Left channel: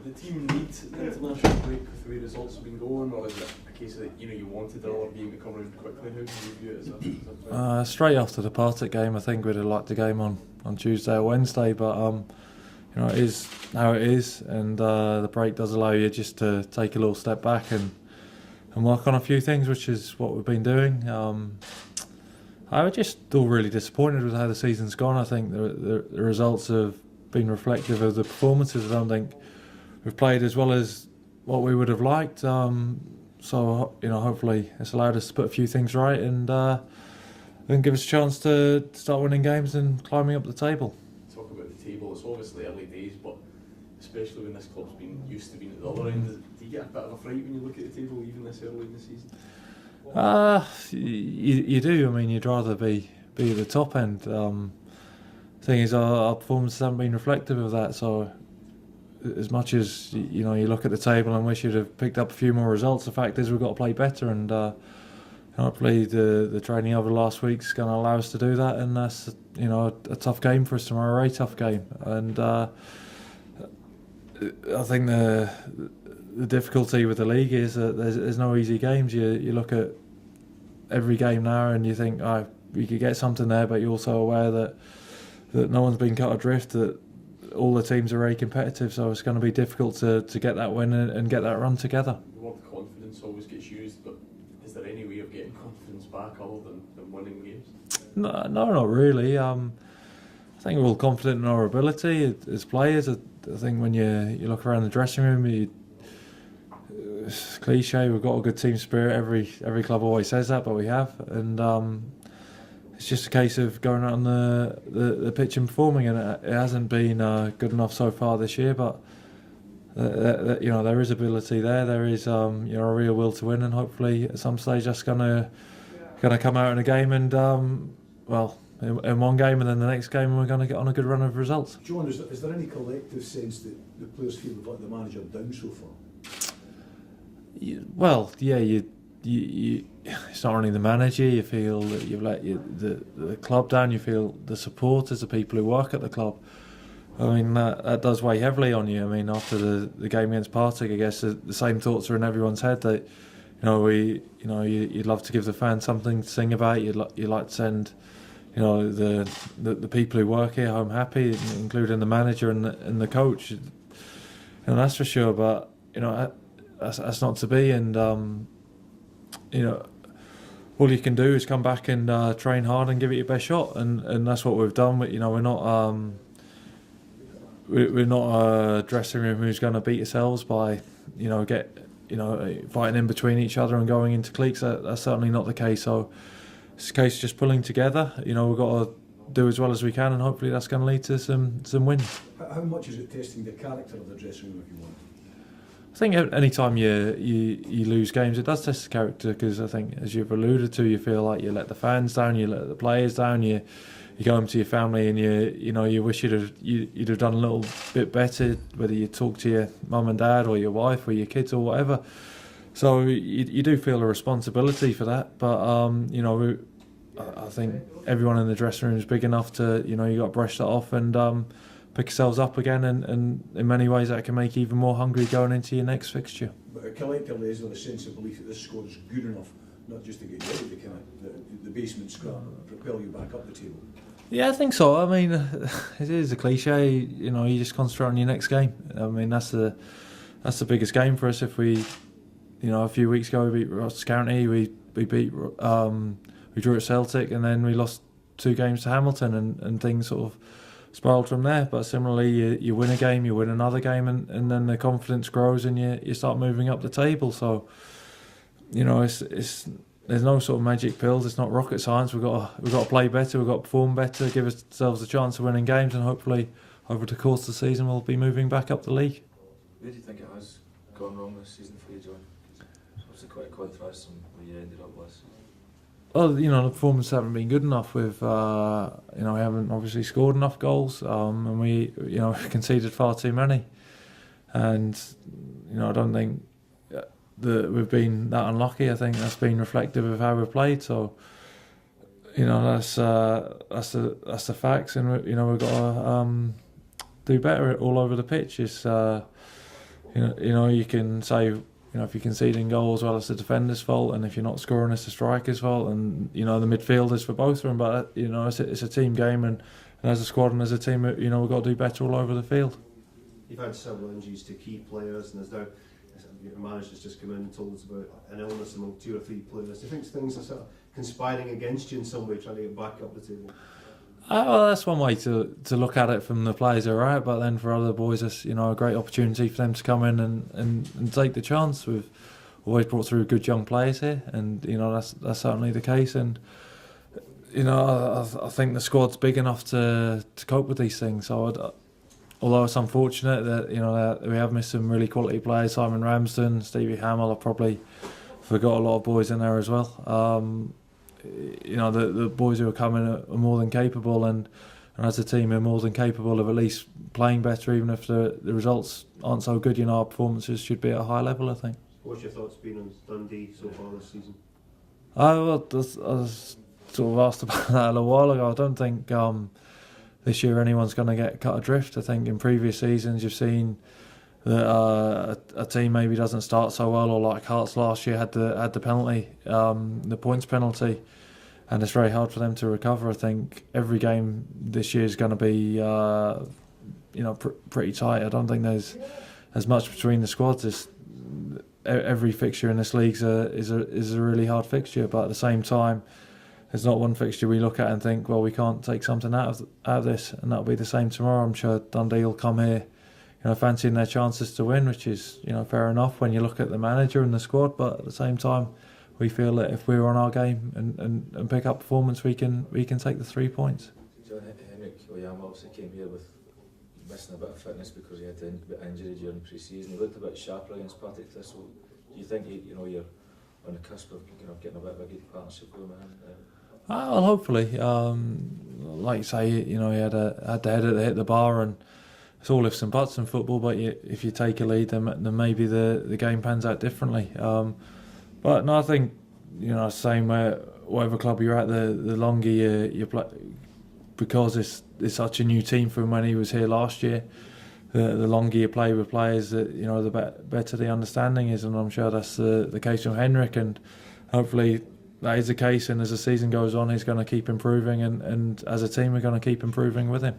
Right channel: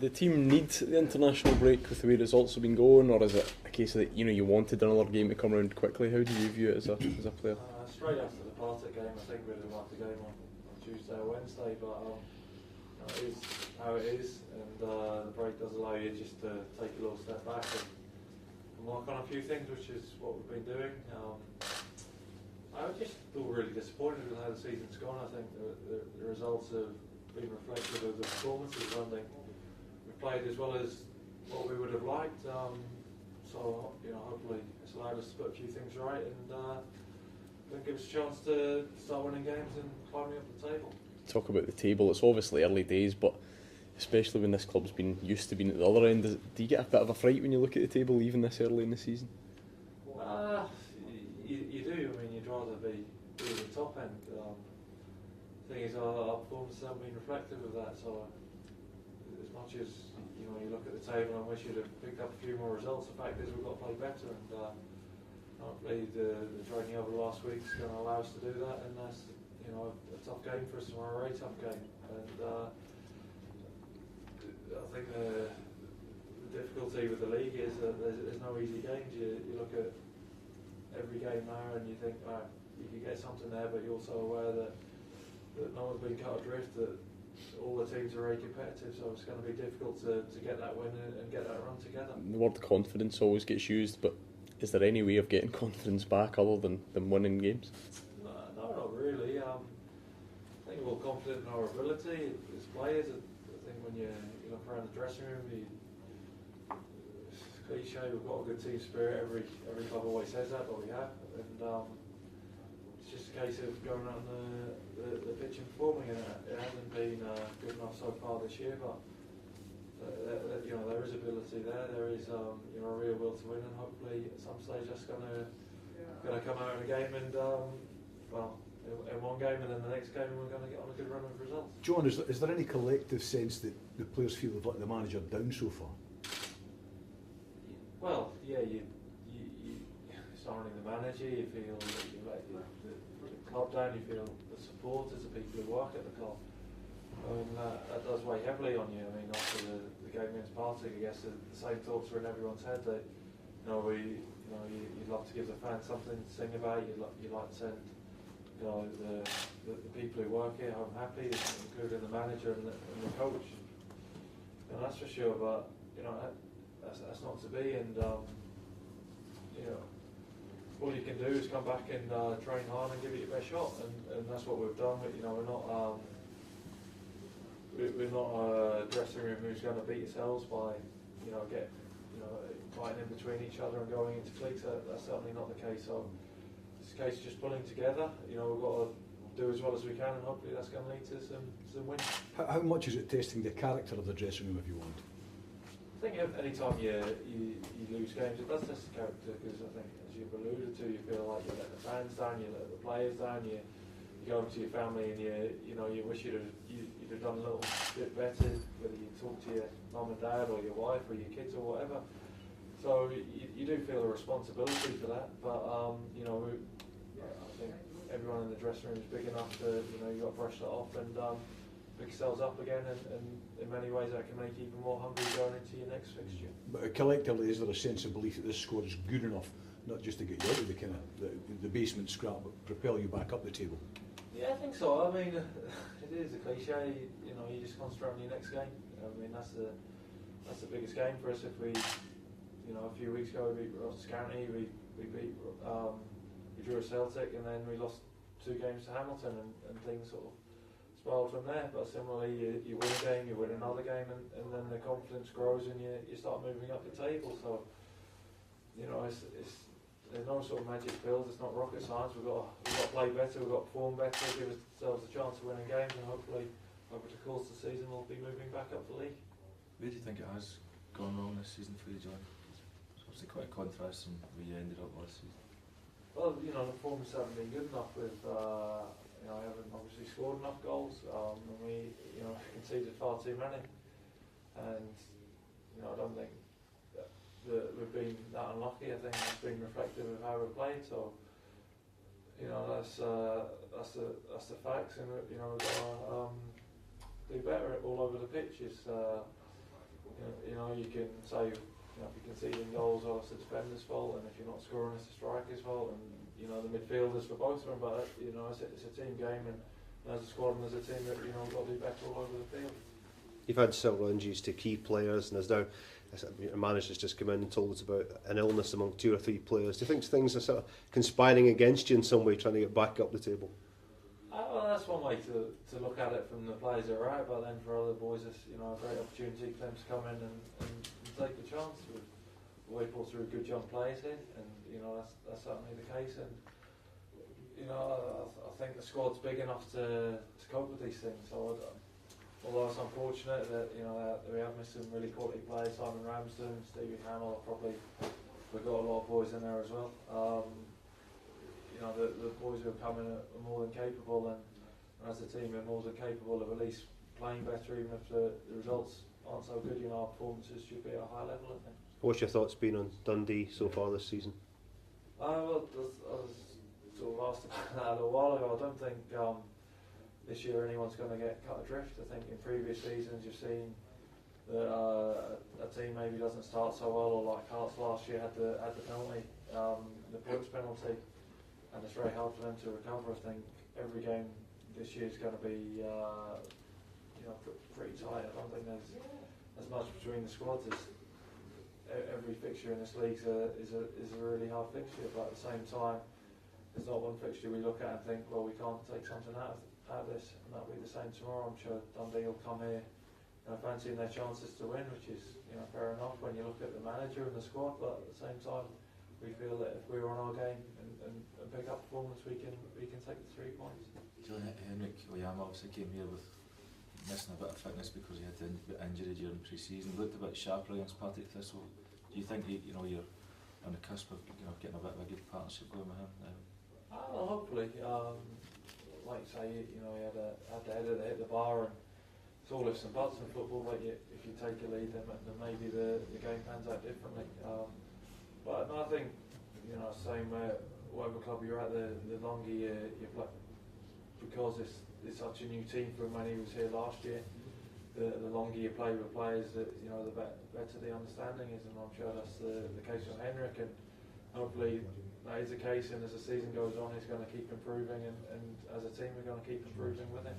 the team need the international break with the way results have been going, or is it a case that you wanted another game to come around quickly? How do you view it as a player? Straight after the Partick game, I think we'd have liked the game on Tuesday or Wednesday, but it is how it is, and the break does allow you just to take a little step back and work on a few things, which is what we've been doing. I was just still really disappointed with how the season's gone. I think the results have been reflective of the performances. I don't think we've played as well as what we would have liked. So hopefully it's allowed us to put a few things right and then give us a chance to start winning games and climbing up the table. Talk about the table. It's obviously early days, but especially when this club's been used to being at the other end, do you get a bit of a fright when you look at the table even this early in the season? You do. I mean, you'd rather be at the top end. Thing is, our performances haven't been reflective of that. So, as much as you look at the table and wish you'd have picked up a few more results, the fact is we've got to play better. And hopefully, the training over the last week is going to allow us to do that. And that's a tough game for us tomorrow, a very tough game. And I think the difficulty with the league is that there's no easy games. You look at every game now and you think, we could get something there, but you're also aware that no one's been cut adrift, that all the teams are very competitive, so it's going to be difficult to get that win and get that run together. The word confidence always gets used, but is there any way of getting confidence back other than winning games? No, not really. I think we're all confident in our ability as players. I think when you look around the dressing room, it's cliche, we've got a good team spirit. Every club always says that, but we have. And it's just a case of going out on the pitch and performing, and it hasn't been good enough so far this year. But there is ability there. There is a real will to win, and hopefully at some stage that's gonna come out in a game, and in one game, and then the next game, and we're going to get on a good run of results. John, is there any collective sense that the players feel they've let the manager down so far? It's not only the manager. You feel that you've let the club down. You feel the supporters, the people who work at the club. I mean, that does weigh heavily on you. I mean, after the game against Partick, I guess the same thoughts are in everyone's head. That you'd love to give the fans something to sing about. You'd like to send the people who work here home happy, including the manager and the coach. That's for sure. But that's not to be. And all you can do is come back and train hard and give it your best shot. And that's what we've done. We're not a dressing room who's going to beat ourselves by fighting in between each other and going into cliques. That's certainly not the case. So it's a case of just pulling together. We've got to do as well as we can, and hopefully that's going to lead to some wins. How much is it testing the character of the dressing room, if you want? I think any time you lose games, it does test the character, because I think, as you've alluded to, you feel like you let the fans down, you let the players down, you go home to your family and you wish you'd have done a little bit better, whether you talk to your mum and dad or your wife or your kids or whatever. So you do feel a responsibility for that, but I think everyone in the dressing room is big enough to you got to brush that off and pick yourselves up again, and in many ways that can make you even more hungry going into your next fixture. But collectively, is there a sense of belief that this squad is good enough, not just to get you out of the basement scrap, but propel you back up the table? Yeah, I think so. I mean, it is a cliche. You just concentrate on your next game. I mean, that's the biggest game for us. If we, a few weeks ago we beat Ross County, we beat, we drew at Celtic, and then we lost 2 games to Hamilton, and things sort of spiraled from there. But similarly, you win a game, you win another game, and then the confidence grows, and you start moving up the table. So, it's there's no sort of magic pills. It's not rocket science. We've got to play better. We've got to perform better. Give ourselves a chance of winning games, and hopefully, over the course of the season, we'll be moving back up the league. Where do you think it has gone wrong this season for you, John? It's obviously quite a contrast from where you ended up last season. Well, the performances haven't been good enough. We haven't obviously scored enough goals, and we conceded far too many. And I don't think that we've been that unlucky. I think that's been reflective of how we've played. So, that's the facts, and we've got to do better all over the pitch. It's You can say, if you're conceding goals, well, it's the defender's fault, and if you're not scoring, it's the striker's fault, and the midfielders for both of them. But it's a team game, and as a squad and as a team, we've got to do better all over the field. You've had several injuries to key players, and there's now a manager's just come in and told us about an illness among 2 or 3 players. Do you think things are sort of conspiring against you in some way, trying to get back up the table? Well, that's one way to look at it from the players who are out, but then for other boys, it's a great opportunity for them to come in and take the chance. We've always brought through good young players here, and that's certainly the case. And I think the squad's big enough to cope with these things. So although it's unfortunate that we have missed some really quality players, Simon Ramsden, Stevie Hamill, I probably forgot a lot of boys in there as well. The boys who are coming are more than capable, and as a team are more than capable of at least playing better, even if the results aren't so good. Our performances should be at a high level, I think. What's your thoughts been on Dundee so far this season? I was sort of asked about that a little while ago. I don't think this year anyone's going to get cut adrift. I think in previous seasons you've seen that a team maybe doesn't start so well, or like Hearts last year had the penalty, the points penalty, and it's very hard for them to recover. I think every game this year is going to be pretty tight. I don't think there's as much between the squads. Every fixture in this league is a really hard fixture, but at the same time, there's not one fixture we look at and think, well, we can't take something out of this, and that'll be the same tomorrow. I'm sure Dundee will come here fancying their chances to win, which is fair enough when you look at the manager and the squad. But at the same time, we feel that if we're on our game and pick up performance, we can take the 3 points. Henrik Oyama also came here with missing a bit of fitness because he had an injury during pre-season. He looked a bit sharper against Partick Thistle. Do you think you're on the cusp of getting a bit of a good partnership going with him? Well, hopefully, like you say, he had the header that hit the bar, and it's all ifs and buts in football. But if you take a lead, then maybe the game pans out differently. But no, I think same where whatever club you're at, the longer you play, because it's such a new team from when he was here last year. The longer you play with players, the better the understanding is, and I'm sure that's the case with Henrik, and hopefully that is the case. And as the season goes on, he's going to keep improving, and as a team, we're going to keep improving with him.